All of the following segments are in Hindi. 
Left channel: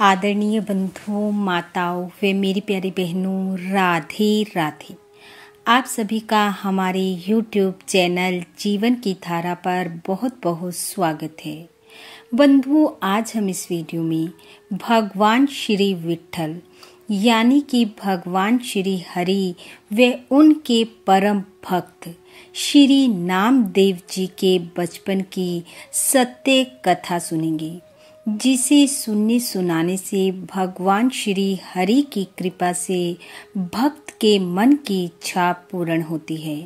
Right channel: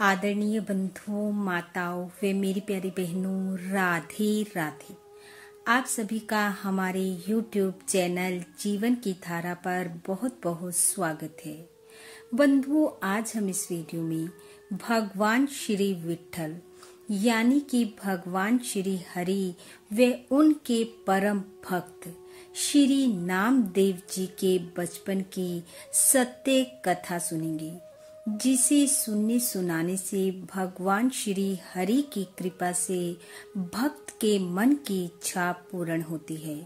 आदरणीय बंधुओं, माताओं व मेरी प्यारी बहनों, राधे राधे। आप सभी का हमारे YouTube चैनल जीवन की धारा पर बहुत बहुत स्वागत है। बंधुओं, आज हम इस वीडियो में भगवान श्री विट्ठल यानी कि भगवान श्री हरि व उनके परम भक्त श्री नामदेव जी के बचपन की सत्य कथा सुनेंगे, जिसे सुनने सुनाने से भगवान श्री हरि की कृपा से भक्त के मन की इच्छा पूर्ण होती है।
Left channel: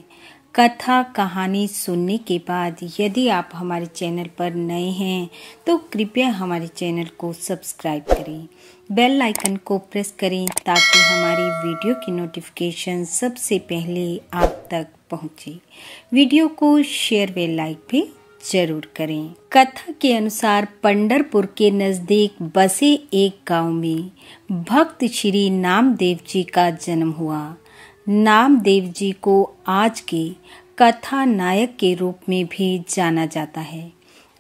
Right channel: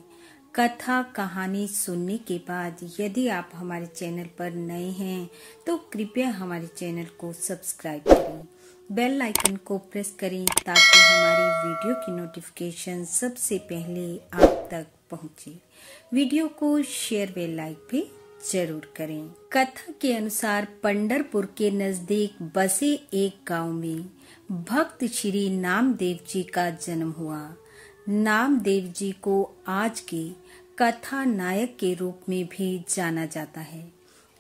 कथा कहानी सुनने के बाद यदि आप हमारे चैनल पर नए हैं तो कृपया हमारे चैनल को सब्सक्राइब करें, बेल आइकन को प्रेस करें ताकि हमारी वीडियो की नोटिफिकेशन सबसे पहले आप तक पहुंचे। वीडियो को शेयर व लाइक भी जरूर करें। कथा के अनुसार पंढरपुर के नजदीक बसे एक गांव में भक्त श्री नामदेव जी का जन्म हुआ। नामदेव जी को आज के कथा नायक के रूप में भी जाना जाता है।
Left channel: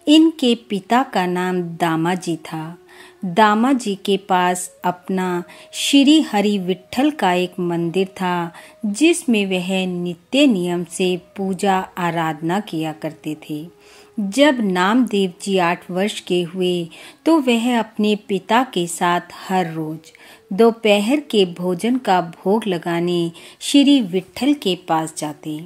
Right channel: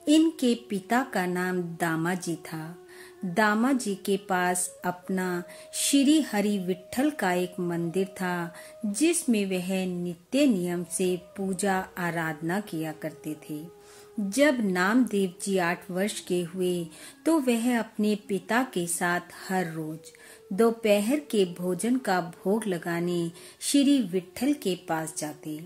इनके पिता का नाम दामा जी था। दामा जी के पास अपना श्री हरि विट्ठल का एक मंदिर था, जिसमें वह नित्य नियम से पूजा आराधना किया करते थे। जब नामदेव जी 8 वर्ष के हुए तो वह अपने पिता के साथ हर रोज दोपहर के भोजन का भोग लगाने श्री विट्ठल के पास जाते।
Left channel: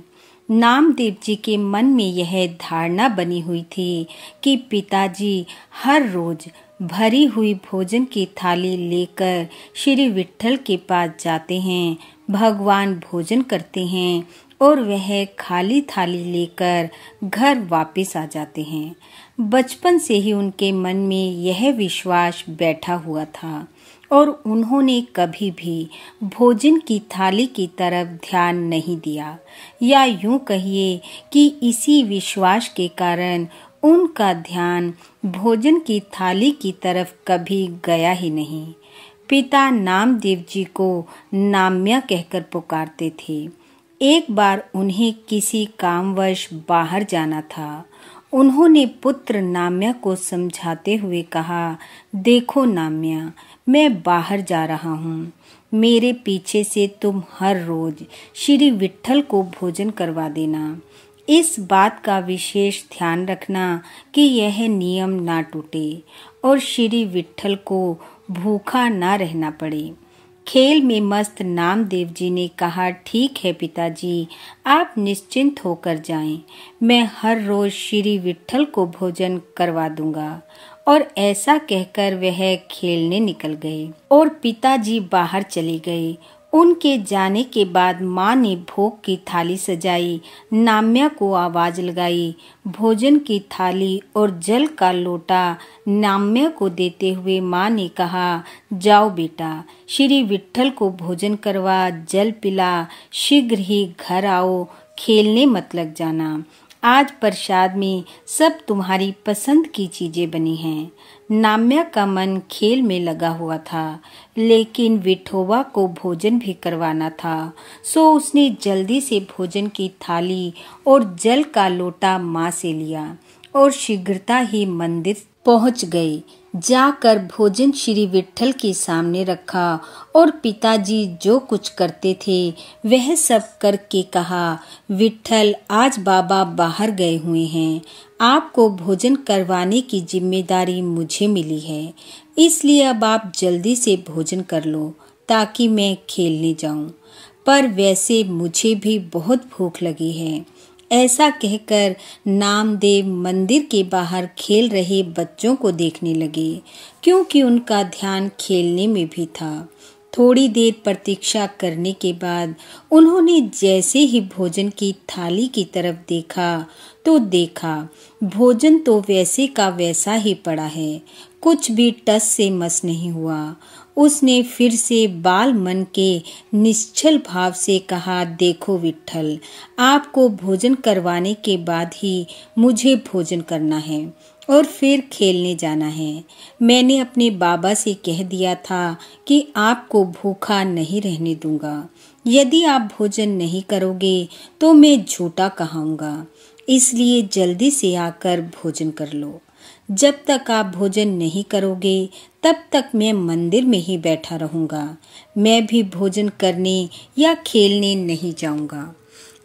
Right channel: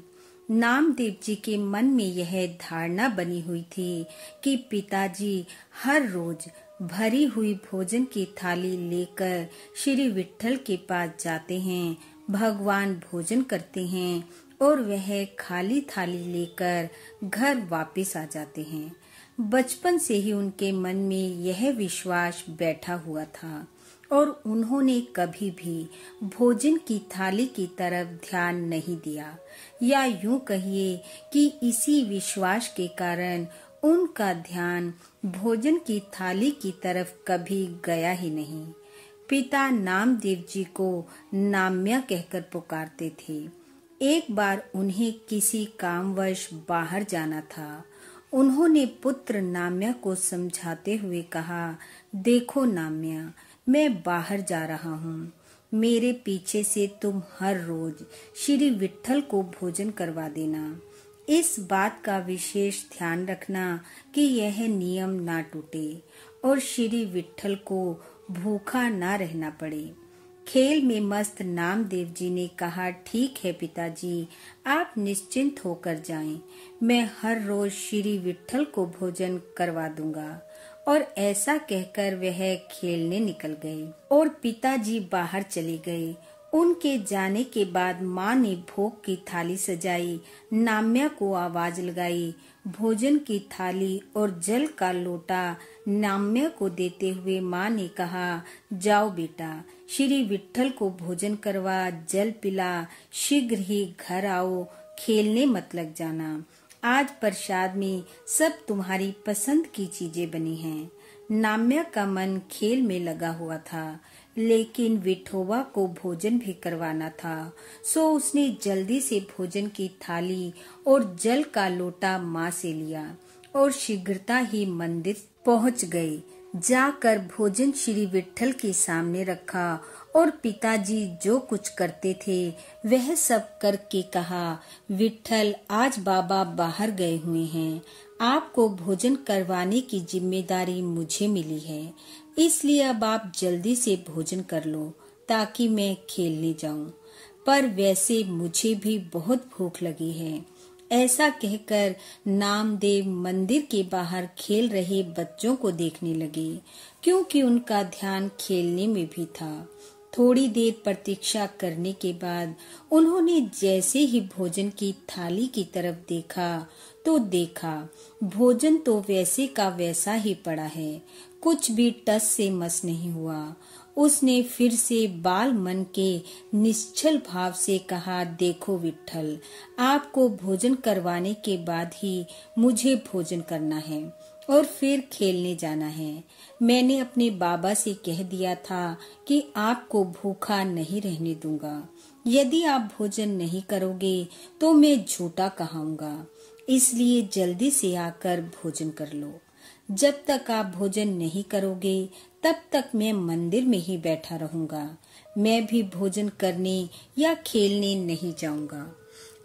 नामदेव जी के मन में यह धारणा बनी हुई थी कि पिताजी हर रोज भरी हुई भोजन की थाली लेकर श्री विट्ठल के पास जाते हैं, भगवान भोजन करते हैं और वह खाली थाली लेकर घर वापस आ जाते हैं। बचपन से ही उनके मन में यह विश्वास बैठा हुआ था और उन्होंने कभी भी भोजन की थाली की तरफ ध्यान नहीं दिया, या यूं कहिए कि इसी विश्वास के कारण उनका ध्यान भोजन की थाली की तरफ कभी गया ही नहीं। पिता नामदेव जी को नाम्या कहकर पुकारते थे। एक बार उन्हें किसी कामवश बाहर जाना था। उन्होंने पुत्र नाम्या को समझाते हुए कहा, देखो नाम्या, मैं बाहर जा रहा हूँ। मेरे पीछे से तुम हर रोज श्री विट्ठल को भोजन करवा देना। इस बात का विशेष ध्यान रखना कि यह नियम ना टूटे और श्री विट्ठल को भूखा ना रहना पड़े। खेल में मस्त नामदेव जी ने कहा, ठीक है पिताजी, आप निश्चिंत होकर जाएं। मैं हर रोज श्री विट्ठल को भोजन करवा दूंगा। और ऐसा कहकर वह खेलने निकल गए और पिताजी बाहर चले गए। उनके जाने के बाद माँ ने भोग की थाली सजाई, नाम्या को आवाज लगाई। भोजन की थाली और जल का लोटा नाम्या को देते हुए माँ ने कहा, जाओ बेटा, श्री विट्ठल को भोजन करवा, जल पिला, शीघ्र ही घर आओ, खेलने मत लग जाना। आज प्रसाद में सब तुम्हारी पसंद की चीजें बनी हैं। नाम्या का मन खेल में लगा हुआ था, लेकिन विठोबा को भोजन भी करवाना था, सो उसने जल्दी से भोजन की थाली और जल का लोटा माँ से लिया और शीघ्रता ही मंदिर पहुंच गए। जाकर भोजन श्री विट्ठल के सामने रखा और पिताजी जो कुछ करते थे वह सब करके कहा, विट्ठल, आज बाबा बाहर गए हुए हैं। आपको भोजन करवाने की जिम्मेदारी मुझे मिली है, इसलिए अब आप जल्दी से भोजन कर लो ताकि मैं खेलने जाऊं। पर वैसे मुझे भी बहुत भूख लगी है। ऐसा कहकर नामदेव मंदिर के बाहर खेल रहे बच्चों को देखने लगे, क्योंकि उनका ध्यान खेलने में भी था। थोड़ी देर प्रतीक्षा करने के बाद उन्होंने जैसे ही भोजन की थाली की तरफ देखा तो देखा भोजन तो वैसे का वैसा ही पड़ा है, कुछ भी टस से मस नहीं हुआ। उसने फिर से बाल मन के निश्चल भाव से कहा, देखो विट्ठल, आपको भोजन करवाने के बाद ही मुझे भोजन करना है और फिर खेलने जाना है। मैंने अपने बाबा से कह दिया था कि आपको भूखा नहीं रहने दूंगा। यदि आप भोजन नहीं करोगे तो मैं झूठा कहाऊंगा, इसलिए जल्दी से आकर भोजन कर लो। जब तक आप भोजन नहीं करोगे तब तक मैं मंदिर में ही बैठा रहूंगा। मैं भी भोजन करने या खेलने नहीं जाऊंगा।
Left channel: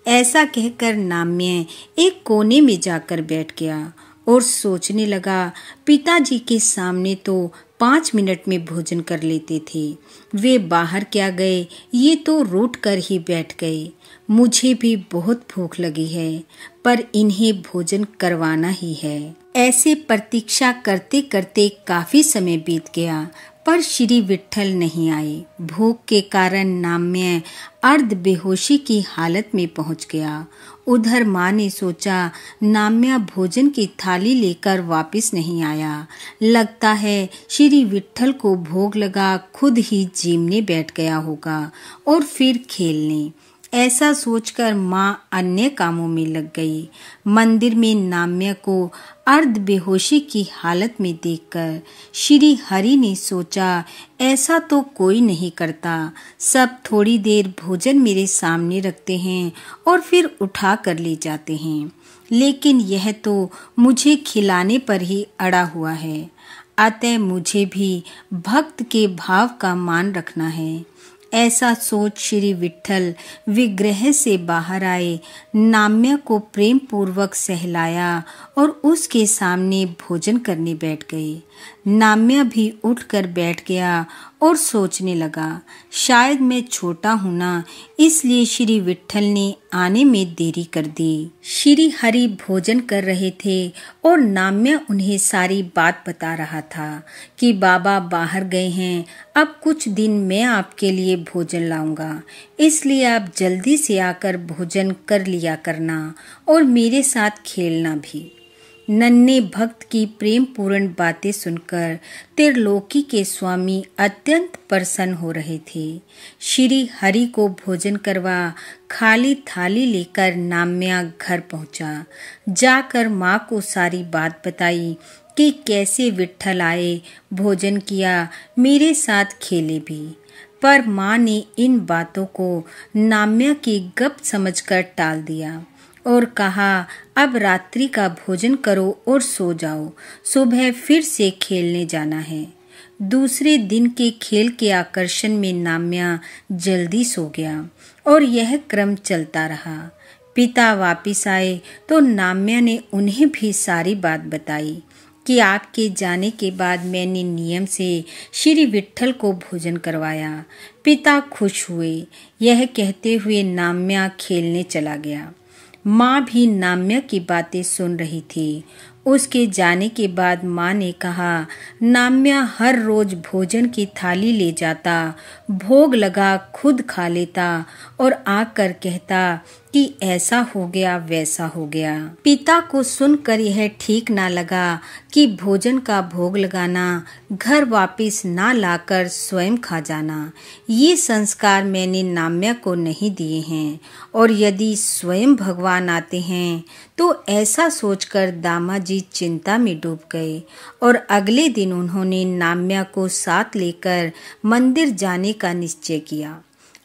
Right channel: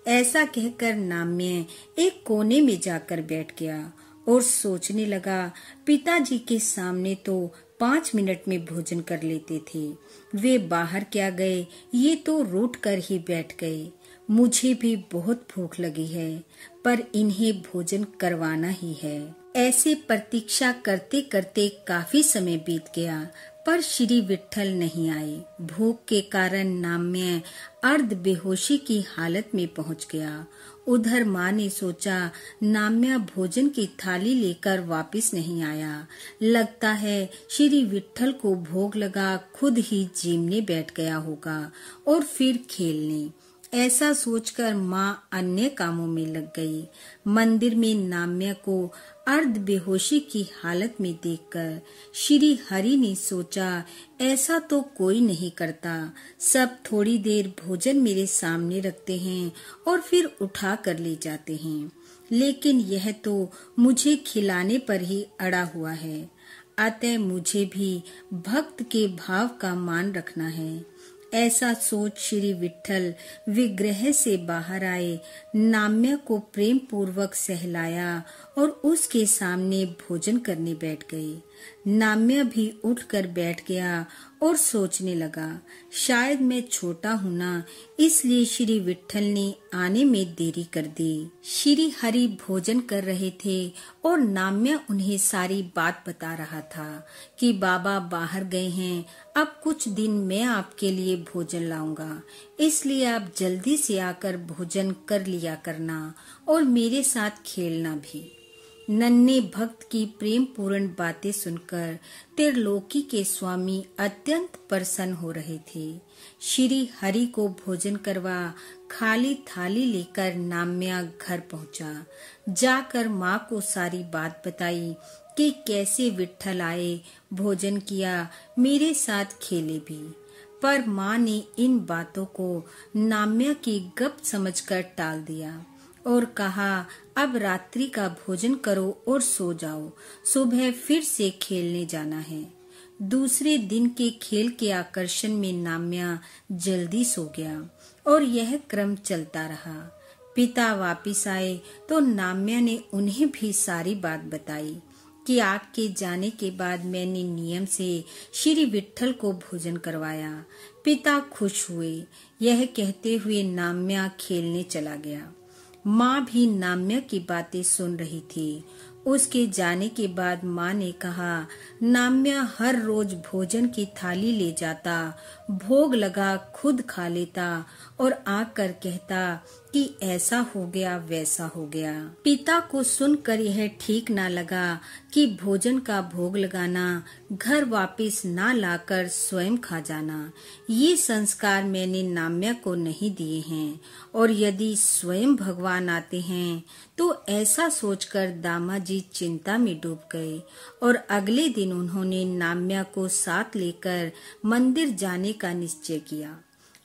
ऐसा कहकर नाम्य एक कोने में जाकर बैठ गया और सोचने लगा, पिताजी के सामने तो 5 मिनट में भोजन कर लेते थे। वे बाहर क्या गए, ये तो रूठ कर ही बैठ गए। मुझे भी बहुत भूख लगी है, पर इन्हें भोजन करवाना ही है। ऐसे प्रतीक्षा करते करते काफी समय बीत गया, पर श्री विट्ठल नहीं आए। भूख के कारण नाम्य अर्ध बेहोशी की हालत में पहुंच गया। उधर माँ ने सोचा, नाम्या भोजन की थाली लेकर वापस नहीं आया, लगता है श्री विट्ठल को भोग लगा, खुद ही जीमने बैठ गया होगा और फिर खेलने। ऐसा सोचकर माँ अन्य कामों में लग गई। मंदिर में नाम्य को अर्ध बेहोशी की हालत में देखकर श्री हरि ने सोचा, ऐसा तो कोई नहीं करता। सब थोड़ी देर भोजन मेरे सामने रखते हैं और फिर उठा कर ले जाते हैं, लेकिन यह तो मुझे खिलाने पर ही अड़ा हुआ है। अतः मुझे भी भक्त के भाव का मान रखना है। ऐसा सोच श्री विट्ठल विग्रह से बाहर आए, नाम्य को प्रेम पूर्वक सहलाया और उसके सामने भोजन करने बैठ गए। नाम्य भी उठकर बैठ गया और सोचने लगा, शायद मैं छोटा हूं ना, इसलिए श्री विट्ठल ने आने में देरी कर दी। श्री हरि भोजन कर रहे थे और नाम्य उन्हें सारी बात बता रहा था कि बाबा बाहर गए हैं, अब कुछ दिन मैं आपके लिए भोजन लाऊंगा, इसलिए आप जल्दी से आकर भोजन कर लिया करना और मेरे साथ खेलना भी। नन्हे भक्त की प्रेम पूर्ण बातें सुनकर त्रिलोकी के स्वामी अत्यंत प्रसन्न हो रहे थे। श्री हरि को भोजन करवा खाली थाली लेकर नाम्या घर पहुंचा। जाकर माँ को सारी बात बताई कि कैसे विट्ठल आए, भोजन किया, मेरे साथ खेले भी। पर माँ ने इन बातों को नाम्या की गप समझकर टाल दिया और कहा, अब रात्रि का भोजन करो और सो जाओ, सुबह फिर से खेलने जाना है। दूसरे दिन के खेल के आकर्षण में नाम्या जल्दी सो गया और यह क्रम चलता रहा। पिता वापिस आए तो नाम्या ने उन्हें भी सारी बात बताई कि आपके जाने के बाद मैंने नियम से श्री विट्ठल को भोजन करवाया। पिता खुश हुए। यह कहते हुए नाम्या खेलने चला गया। माँ भी नाम्या की बातें सुन रही थी। उसके जाने के बाद माँ ने कहा, नाम्या हर रोज भोजन की थाली ले जाता, भोग लगा खुद खा लेता और आकर कहता कि ऐसा हो गया वैसा हो गया। पिता को सुनकर यह ठीक ना लगा कि भोजन का भोग लगाना, घर वापस ना लाकर स्वयं खा जाना, ये संस्कार मैंने नाम्या को नहीं दिए हैं और यदि स्वयं भगवान आते हैं तो ऐसा सोचकर दामाजी चिंता में डूब गए और अगले दिन उन्होंने नाम्या को साथ लेकर मंदिर जाने का निश्चय किया।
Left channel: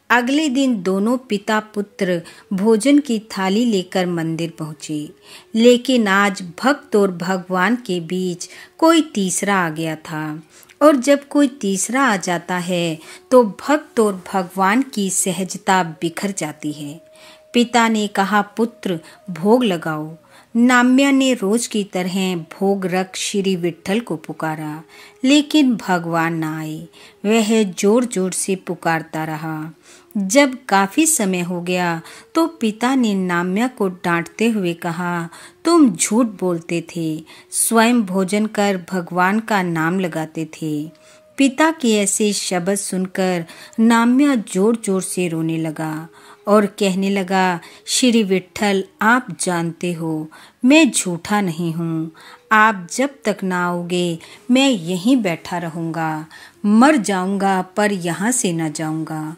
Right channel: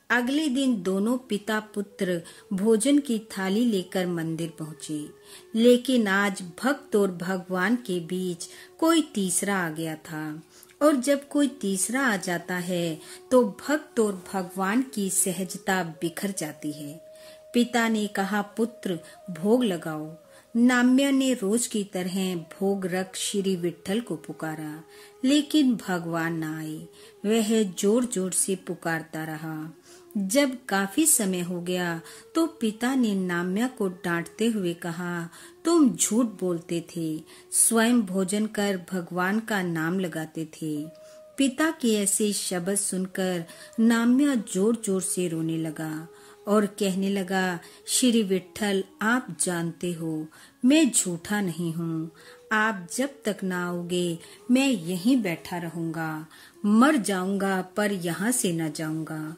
अगले दिन दोनों पिता पुत्र भोजन की थाली लेकर मंदिर पहुंचे, लेकिन आज भक्त और भगवान के बीच कोई तीसरा आ गया था और जब कोई तीसरा आ जाता है तो भक्त और भगवान की सहजता बिखर जाती है। पिता ने कहा, पुत्र भोग लगाओ। नाम्या ने रोज की तरह भोग रख श्री विट्ठल को पुकारा, लेकिन भगवान न आए। वह जोर जोर से पुकारता रहा। जब काफी समय हो गया तो पिता ने नाम्या को डांटते हुए कहा, तुम झूठ बोलते थे, स्वयं भोजन कर भगवान का नाम लगाते थे। पिता के ऐसे शब्द सुनकर नाम्या जोर जोर से रोने लगा और कहने लगा, श्री विट्ठल, आप जानते हो मैं झूठा नहीं हूँ। आप जब तक ना आओगे मैं यहीं बैठा रहूंगा, मर जाऊंगा पर यहाँ से न जाऊंगा।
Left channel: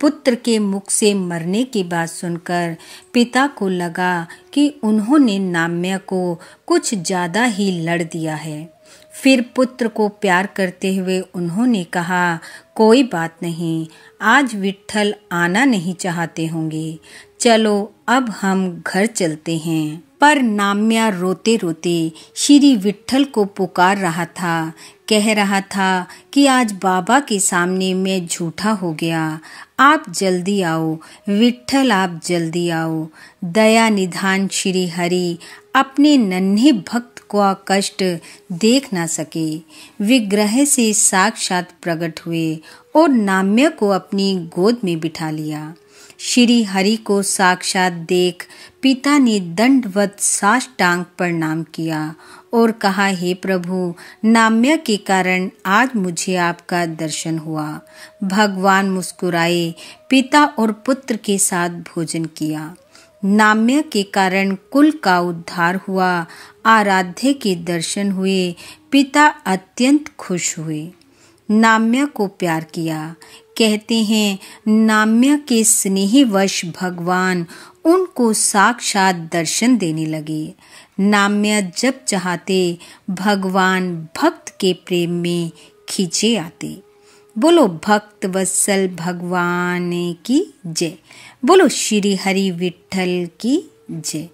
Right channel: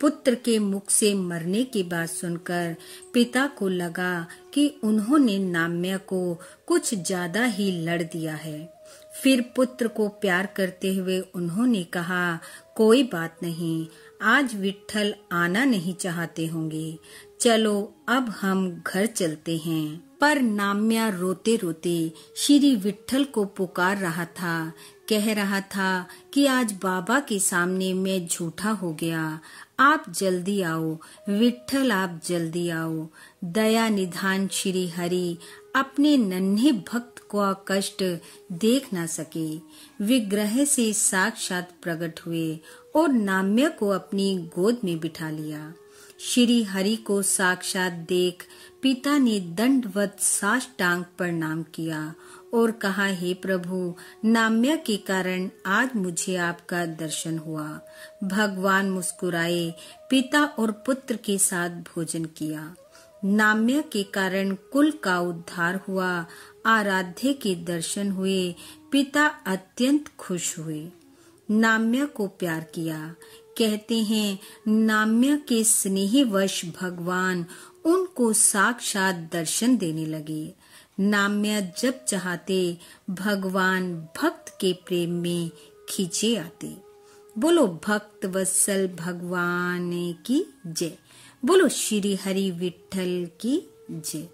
पुत्र के मुख से मरने की बात सुनकर पिता को लगा कि उन्होंने नाम्या को कुछ ज्यादा ही लड़ दिया है। फिर पुत्र को प्यार करते हुए उन्होंने कहा, कोई बात नहीं, आज विट्ठल आना नहीं चाहते होंगे, चलो अब हम घर चलते हैं। पर नाम्या रोते रोते श्री विट्ठल को पुकार रहा था, कह रहा था कि आज बाबा के सामने मैं झूठा हो गया, आप जल्दी आओ विट्ठल, आप जल्दी आओ। दया निधान श्री हरि अपने नन्हे भक्त का कष्ट देख न सके, विग्रह से साक्षात प्रकट हुए और नाम्या को अपनी गोद में बिठा लिया। श्री हरि को साक्षात देख पिता ने दंडवत साष्टांग प्रणाम किया और कहा, हे प्रभु, नाम्या के कारण आज मुझे आपका दर्शन हुआ। भगवान मुस्कुराए, पिता और पुत्र के साथ भोजन किया। नाम्या के कारण कुल का उद्धार हुआ, आराध्य के दर्शन हुए, पिता अत्यंत खुश हुए। नाम्या को प्यार किया। कहते हैं नाम्या के स्नेहवश भगवान उनको साक्षात दर्शन देने लगे। नाम्या जब चाहते भगवान भक्त के प्रेम में खींचे आते। बोलो भक्त वत्सल भगवान की जय। बोलो श्री हरि विट्ठल की जय।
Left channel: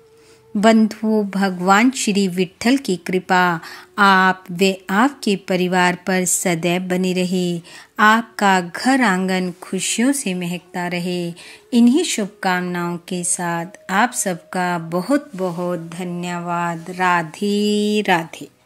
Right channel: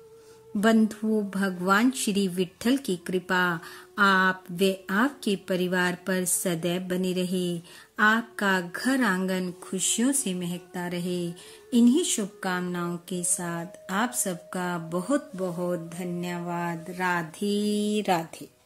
बंधुओं, भगवान श्री विट्ठल की कृपा आप व आपके परिवार पर सदैव बनी रहे। आपका घर आंगन खुशियों से महकता रहे। इन्हीं शुभकामनाओं के साथ आप सबका बहुत बहुत धन्यवाद। राधे राधे।